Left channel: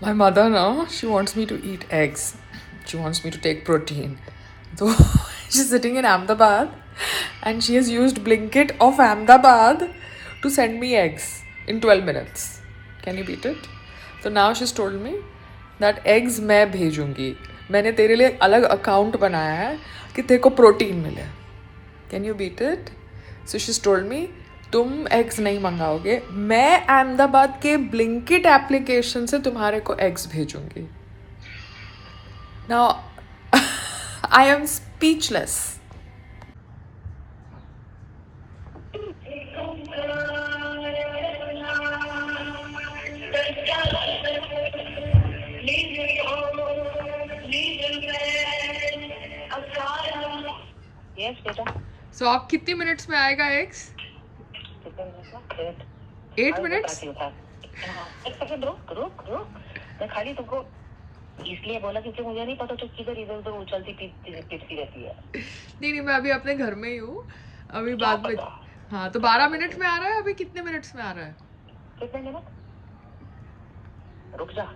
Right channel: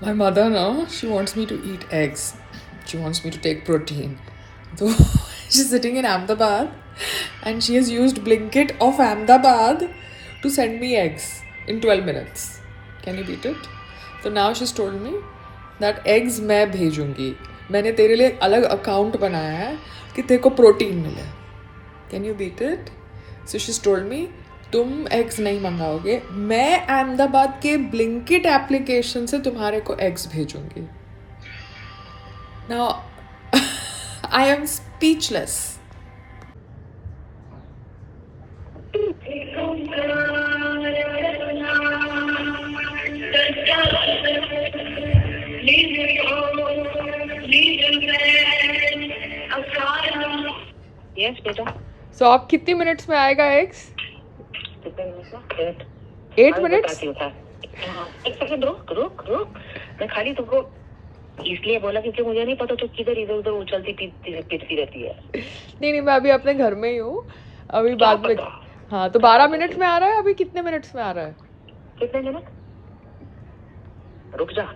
My mother now, she wants me to eat eggs. She wants me to take protein. So she's sitting in Ahmedabad and she has used Blinkit of Ahmedabad to send me eggs in 12 minutes. Can you beat it? So now she's told me that eggs मैं भेजूंगी. मैंने तेरे लिए अलग account बनाया है कि तेरे को प्रोटीन मिले. Can you beat it? So she's told me तुम एग्स नहीं मंगाओगे, मैं अहमदाबाद के ब्लिंकिट एप्लीकेशन से तुम्हारे को एग्स भेजूंगी. Now I am speechless. Yes बेटा. सो आप कितनी मिनट्स में आएगा एग्स? 8 मिनट्स. एक सेकंड रुक. मैं खाली तुमको इसलिए बोला क्योंकि मुझे नहीं पता तो किधर इधर उधर उछलती फिरती रहती है. नहीं, मैं अभी अपने घर में ही हूँ. अभी बाद में. हाँ, तो 12 मिनट में आ रहा है. अभी कितने मिनट्स में आ रहा है? कितने मिनट? रुक जा.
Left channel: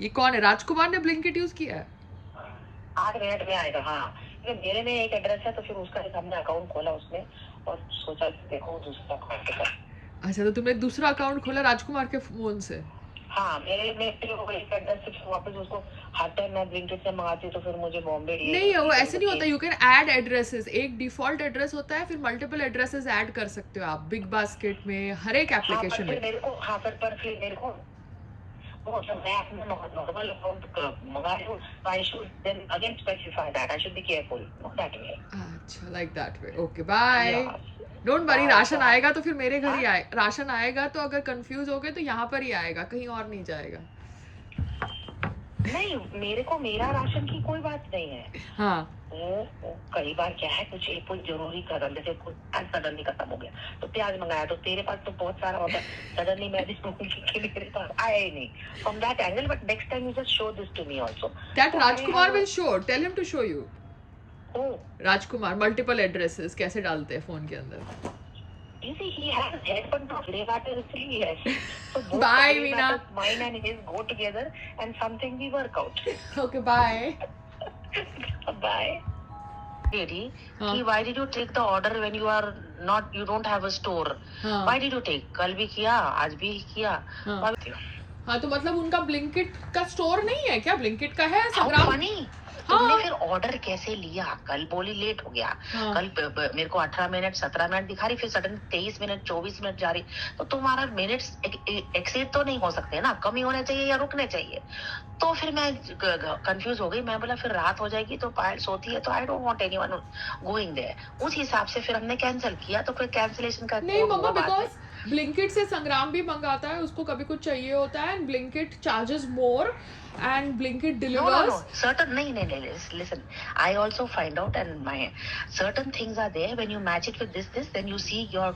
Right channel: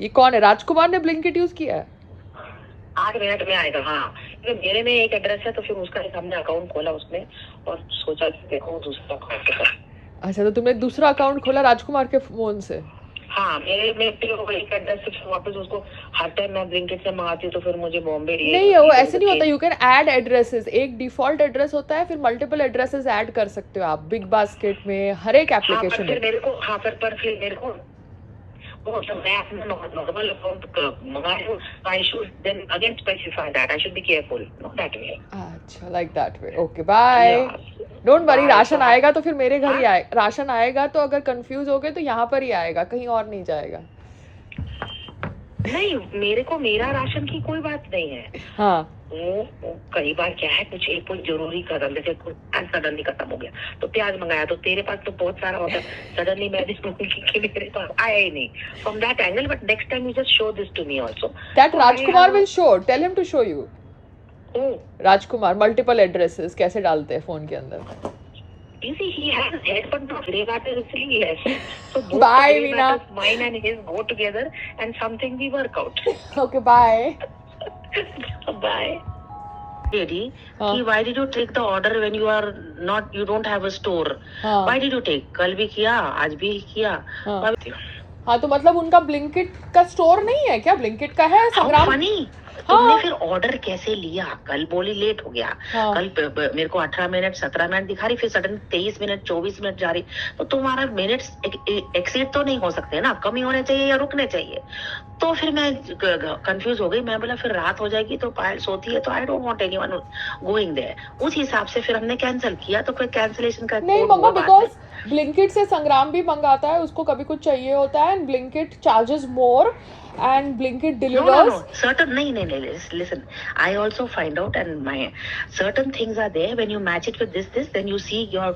ये कौन है? राजकुमार ने ब्लिंकिट यूज किया है? 8 मिनट में आएगा. हाँ, मेरे में एक एड्रेस है तो फिर उसका एक हमने अकाउंट खोला उसमें और सोचा कि देखो दूसरा अकाउंट. अच्छा, तो तुमने दूसरा अकाउंट खोला राजकुमार के फोन से? हाँ, मेरे में एक एड्रेस से वापस उसको हर टाइम मैं ब्लिंकिट से मंगाती हूँ तो फिर मुझे बॉम्बे नहीं, वो ऐसे नहीं होता. You can add addresses. एक डिफॉल्ट एड्रेस होता है, फिर मल्टीपल एड्रेसेस ऐड कर सकते हो आप बिग बास्केट में, हर एक एप्लीकेशन में. मेरे को हाँ पर फिर मेरे को वो तो मैं अपना नॉर्मल अकाउंट मंगा रही हूँ. I should then again specify that I should be careful that way. अच्छा, like that way. Okay, bye. Don't worry, ration आएगा तो फिर मेरे घर ही आएगा. राशन आएगा तो अगर कंफ्यूज हो गए तो यहाँ पर ही आएगा, कहीं और नहीं जाएगा. नहीं, मेरे को मेरा राशन की कोई बात नहीं है. हाँ, वो कई बार क्या है, कुछ एक कोई जरूरी कदम, जैसे सडनली खत्म हो गया तो प्याज मंगाया तो तेरे पास तो बहुत सारा होता है. सडनली मैं मेरे पास आया ही नहीं. From that angle, but next time you just show this to me also. That Rajkumar will show. Tell him to show you. Oh, Rajkumar multiple addresses कैसे डालते हैं फोन के अंदर. you see, he has head but not regard to he has. So Bye, Veena. Mine and his go together and something we work out. Okay, bye. Bye. Lady, why did you take the order when you don't have a store? Why did you take? कल भी किया, आज भी किया. हाँ, तो मतलब उनका ब्लिंकिट का स्टोर नहीं है क्या? ब्लिंकिट का है संग्राम. तुमने फिर ऑर्डर कैसे लिया? कल बोली लेट हो गया. कल मेरे को 18 मिनट 17 मिनट दिखा रही, फिर सडन 23 मिनट 24 मिनट जा रही. तो तुम्हारा मिनट्स एक्सीड तो नहीं हो सकते ना, कम ही होने चाहिए या रुकने चाहिए. तो फिर मैं कंफ्यूज हो गई. मैं बोला फिर रात हो जाएगी तो पायल सोती है तो I don't want anyone going there. उस हिसाब से फिर हमने कैंसिल किया. तो फिर कैंसिलेशन का नहीं मम्मा, बिकॉज ब्लिंकिट से संग्राम भी मंगाता है, उसको कभी कुछ चाहिए होता है and Blinkit charges more and Blinkit delivers. Certain no. Listen, I also find out and my certain things are there. When you match it with this, then you see your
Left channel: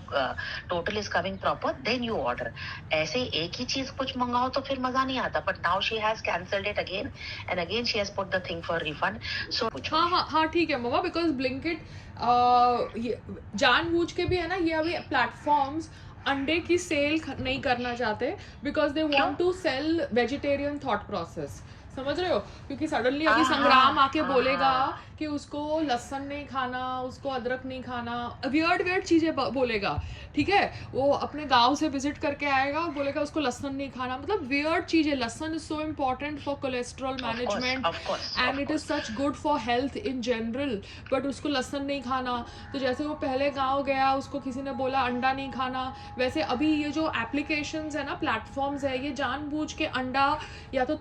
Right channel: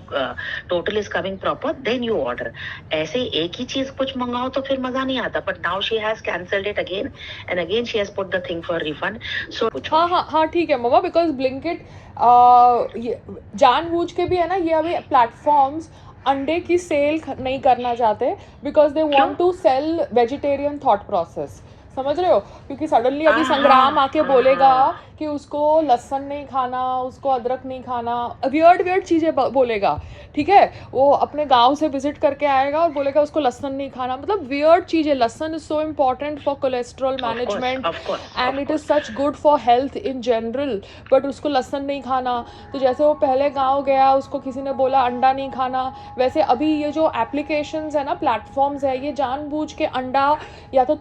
total is coming proper. Then you order. ऐसे एक ही चीज कुछ मंगाओ तो फिर मजा नहीं आता. But now she has cancelled it again and again she has put the thing for refund. So हाँ ठीक है मम्मा, because Blinkit जानबूझ के भी है ना, ये अभी प्लेटफॉर्म्स अंडे की सेल नहीं करना चाहते because they want to sell vegetarian thought process. समझ रहे हो? क्योंकि सडनली अभी संग्राम आके बोलेगा कि उसको लहसुन नहीं खाना, उसको अदरक नहीं खाना, वियर्ड चीज़ें बोलेगा. ठीक है, वो अपने गांव से विजिट करके आएगा और बोलेगा उसको लहसुन नहीं खाना. मतलब वियर्ड चीज़ें. लहसुन is so important for cholesterol management and it is such good for health in general, but उसको लहसुन नहीं खाना. तो जैसे वो पहले गाँव गया, उसको किसी ने बोला अंडा नहीं खाना, वैसे अभी ये जो एप्लीकेशंस है ना, प्लेटफॉर्म्स है, ये जानबूझ के अंडा या तो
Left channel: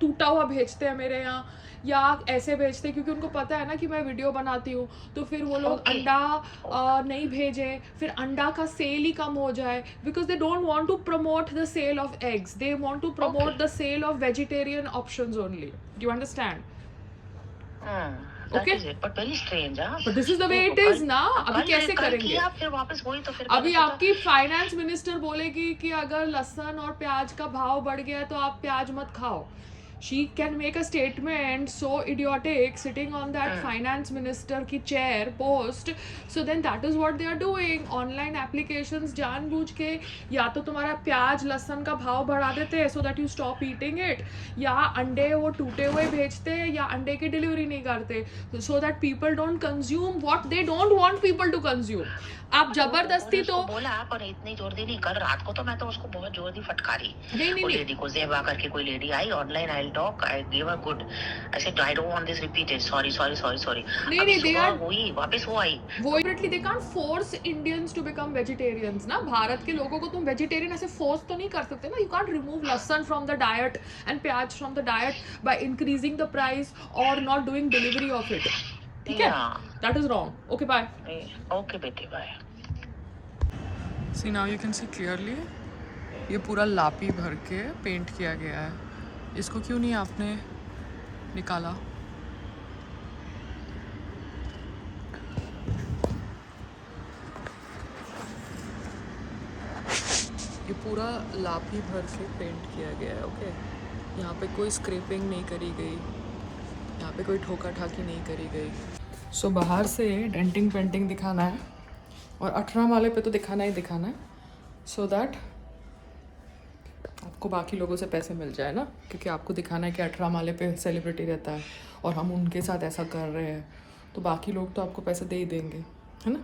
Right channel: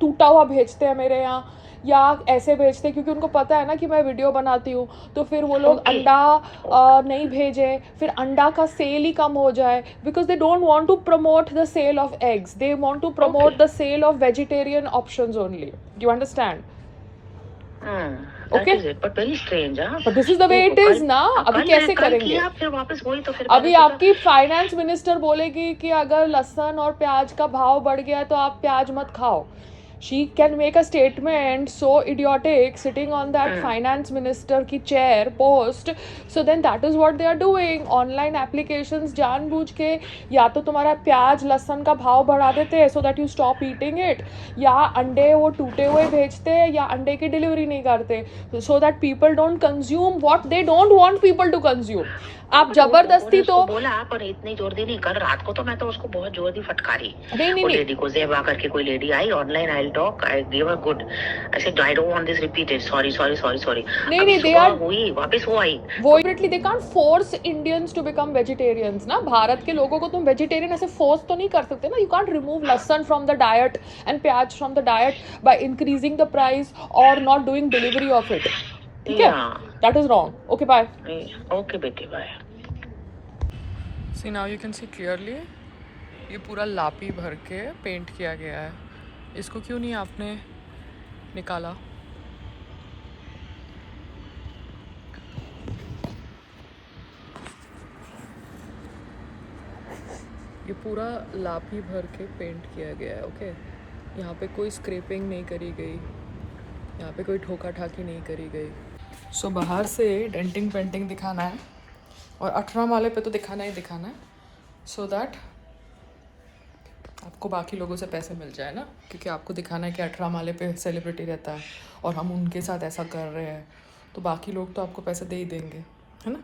टूटा हुआ भेजते हैं मेरे यहाँ, या ऐसे भेजते, क्योंकि उनको पता है ना कि मैं वीडियो बनाती हूँ. तो फिर वो लोग अंडा नहीं भेजें, फिर अंडा का सेल ही कम हो जाए, because they don't want to promote the sale of eggs, they want to promote the sale of vegetarian options only. You understand? Okay, but very strange. But this is the way it is ना. अभी कैसे करेंगे? अभी आपकी finance minister बोलेगी कि अगर लहसुन और प्याज का भाव बढ़ गया तो आप प्याज मत खाओ. she can make a statement so idiotic sitting on that finance minister की chair post. So then that is what they are doing. Online applications जानबूझ के या तो तुम्हारा प्याज लहसुन का भाव बढ़ा देते हैं so that you stop eating it, या अंडे वो टूटे हुए भेजते हैं, या अंडे की डिलीवरी नहीं करते so that people don't consume what they don't want people to consume. आप जबरदस्ती तो बोला पर इतनी जोर दी नहीं। कल रात को तो मैं तो उसको बहुत जोर दी फटकारी। नहीं लेडी को जेबा करके कोई लेडी आई online, I talk, I give a good, I said I don't want this repeated, sorry sorry sorry sorry. नहीं दे आर हुई वापस वो आई वो definitely they can't force Indians to become vegetarians ना। भारत के लोगों को तुम वेजिटेरियन ऐसे फोर्स तो नहीं कर सकते ना। यू कांट रिमूव लहसन फ्रॉम द डाइट एंड प्याज from the diet by increasing the price और not doing delivery of it. ठीक है, that is wrong. Okay bye. Okay बेटे bye. See now you can see clearly ये पूरा लापी भर के पेंट किया गया है। इसको क्यों नहीं आपने निकाला? ये पूरा लापी भर के पेंट किया गया है। ओके, यहाँ पे कोई स्क्रैपिंग नहीं करी गई, यहाँ पे कोई ठोका ठाकी नहीं करी गई। सो बाहर से डेंटिंग पेंटिंग दिखाना है और 18 माले पे तो दिखाना ही दिखाना है, सो दैट आपको बाकी लोगों से पैसे मिल जाए ना, क्योंकि आपको दिखाना है कि 18 माले पे सेलिब्रिटी रहता है और हम उनके साथ ऐसा कर रहे हैं, तो बाकी लोग तो आपको पैसे दे ही देंगे, है ना।